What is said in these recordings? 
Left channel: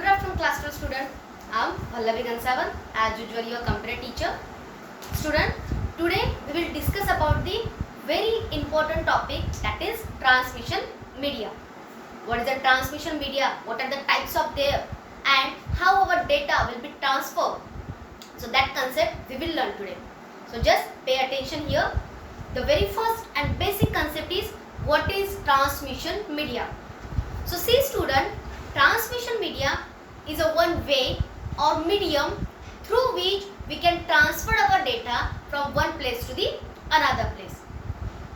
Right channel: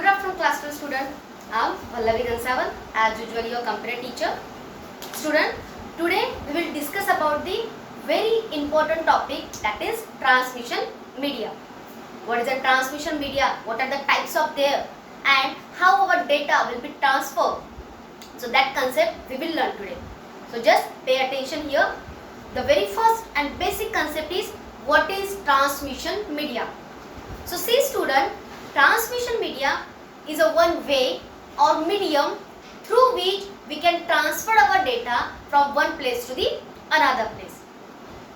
Good afternoon, class 2 student. I am Vallavi Gansaval, as usual your computer teacher. Student, today we will discuss about the very important topic, that is transmission media. What is the transmission media? What are the types of there, and how our data will be transferred? So that concept we will learn today. So just pay attention here. The very first and basic concept is what is transmission media. So see student, transmission media is a one way or medium through which we can transfer our data from one place to the another place.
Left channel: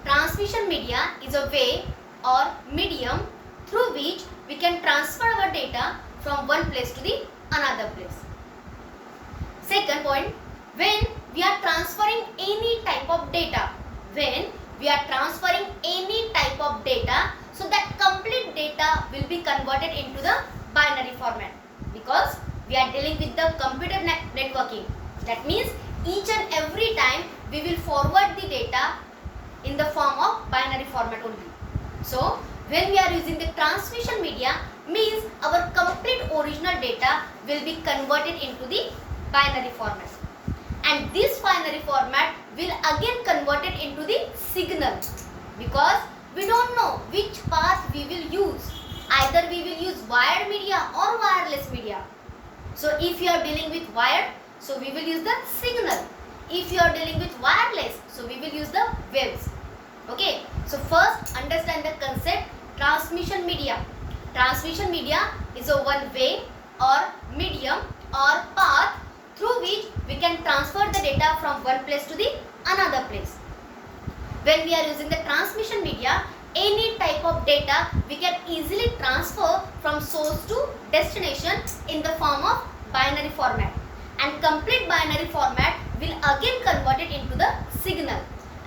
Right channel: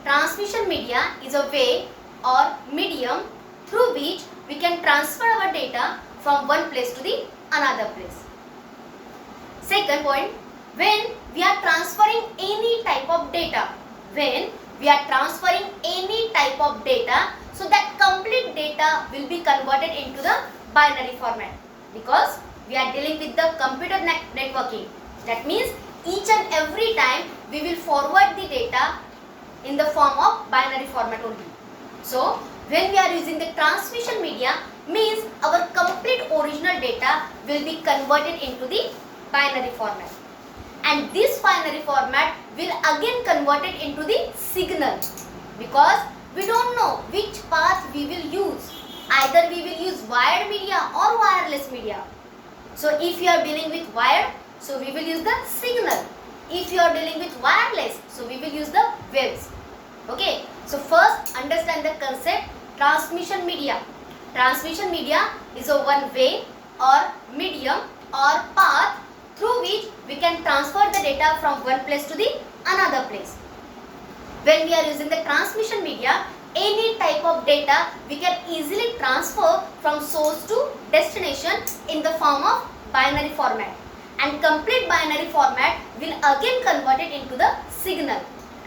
Transmission media is a way or medium through which we can transfer our data from one place to the another place. Second point, when we are transferring any type of data, so that complete data will be converted into the binary format, because we are dealing with the computer networking. That means each and every time we will forward the data in the form of binary format only. So when we are using the transmission media, means our complete original data will be converted into the binary format, and this binary format will again convert it into the signal, because we don't know which path we will use. Either we will use wired media or wireless media. So if you are dealing with wired, so we will use the signal. If you are dealing with wireless, so we will use the waves. Okay, so first understand the concept transmission media. Transmission media is a one way or medium or path through which we can transfer the data from one place to the another place. When we are using the transmission media, any type of data we can easily transfer from source to destination in the form of binary format, and complete binary format will again convert it into the signal,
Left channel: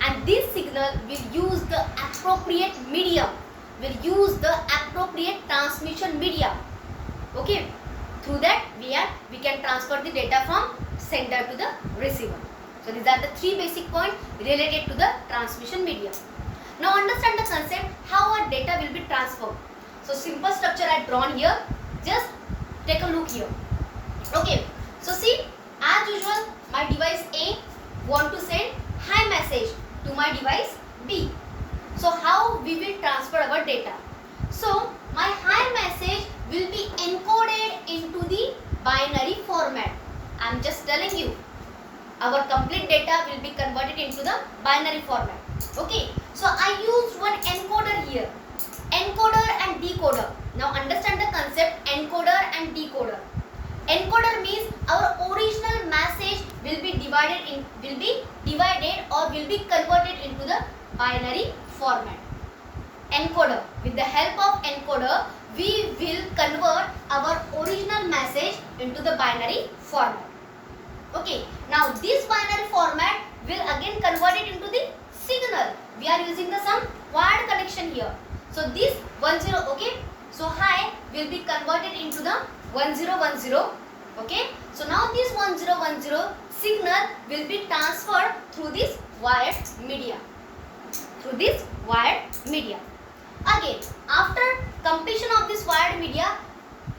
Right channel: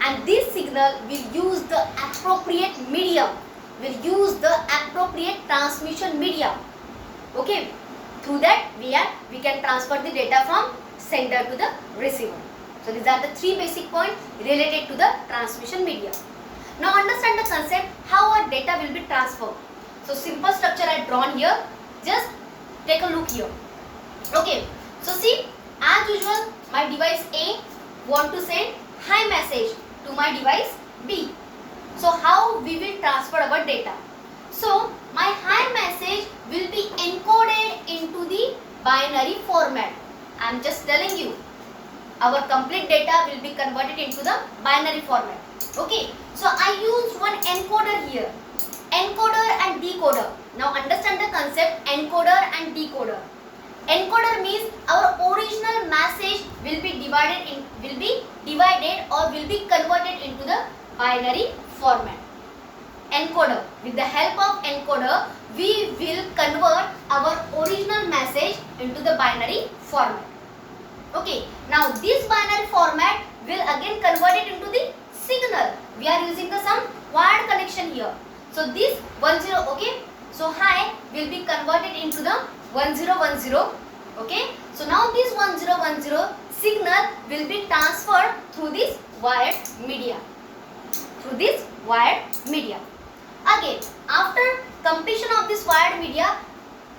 and this signal will use the appropriate medium, will use the appropriate transmission media. Okay, through that we can transfer the data from sender to the receiver. So these are the three basic points related to the transmission media. Now understand the concept how our data will be transferred. So simple structure I drawn here. Just take a look here. Okay. So see, as usual, my device A want to send hi message to my device B. So how we will transfer our data? So my hi message will be encoded into the binary format. I am just telling you, our complete data will be converted into the binary format. Okay, so I used one encoder here, encoder and decoder. Now understand the concept encoder and decoder. Encoder means our original message will be divided or will be converted into the binary format. Encoder, with the help of encoder, we will convert our original message into the binary format. Okay, now this binary format will again convert it into the signal. We are using the some wired connection here. So this 10, okay, so hi will be converted into the 1010. Okay, so now this 1010 signal will be transferred through this wired media. Again, after completion of this wired media,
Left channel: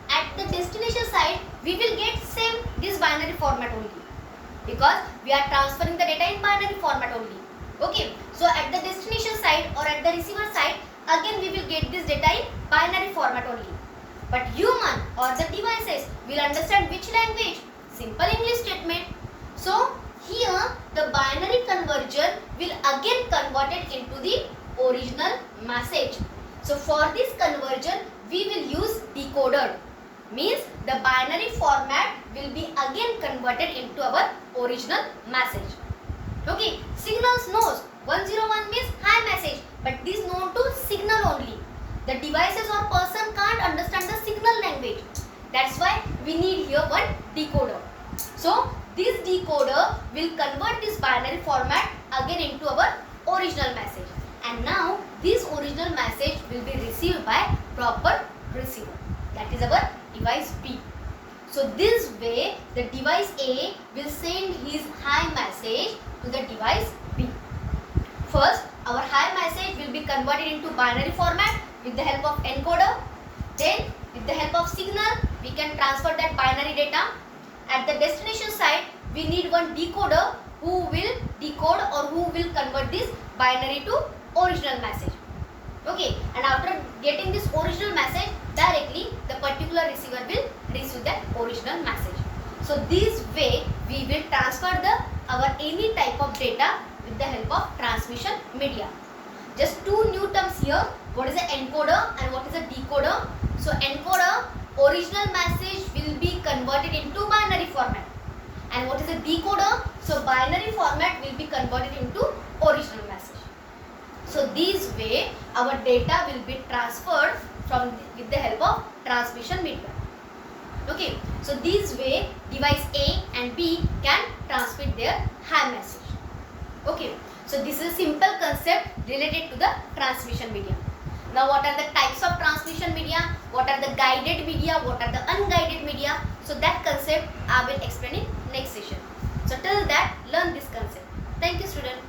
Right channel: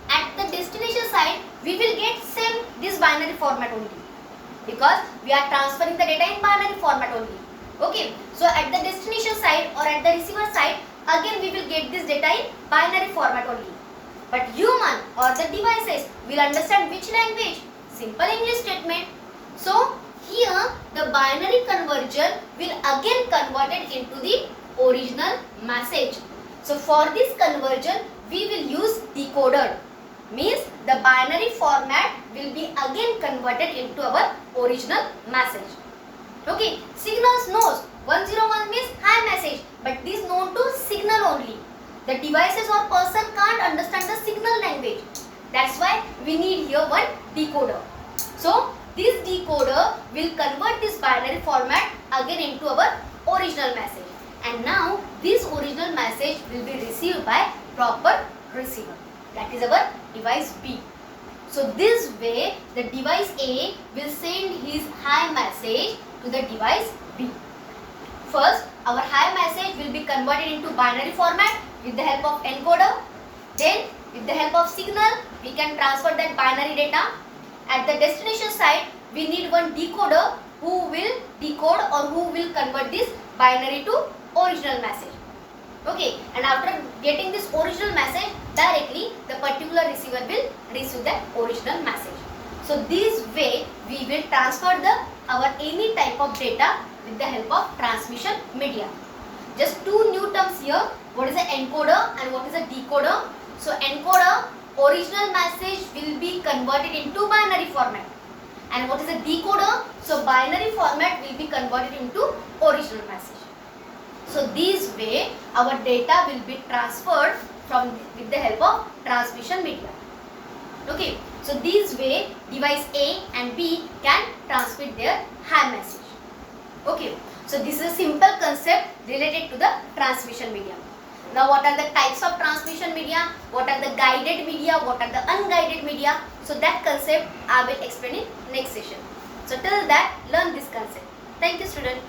at the destination side we will get same this binary format only, because we are transferring the data in binary format only. Okay, so at the destination side or at the receiver side, again we will get this data in binary format only. But human or the devices will understand which language? Simple English statement. So here the binary conversion will again convert it into the original message. So for this conversion we will use decoder, means the binary format will be again converted into our original message. Okay, signals knows 101 means hi message, but this known to signal only. The devices or person can't understand the signal language. That's why we need here one decoder. So this decoder will convert this binary format again into our original message, and now this original message will be received by proper receiver, that is our device B. So this way the device A will send his hi message to the device B. First, our hi message will be converted into binary format with the help of encoder. Then with the help of signal, we can transfer that binary data. At the destination site, we need one decoder who will decode or who will convert this binary to original message. Okay, and after getting this original message, directly the particular receiver will receive that original message. So this way we will transfer our any type of data with the help of transmission media. Just two new terms here. What is an encoder and what is a decoder? So encoder, original message will be converted into binary format. And what is a decoder? So binary format will be converted into original message. So this way our data will be transferred with the help of transmission media. Okay, so this way device A and B can transmit their high message. Okay, so this is a simple concept related to the transmission media. Now what are the types of transmission media? What are the guided media? What are the unguided media? So that concept I will explain in next session. So till that, learn this concept. Thank you, student.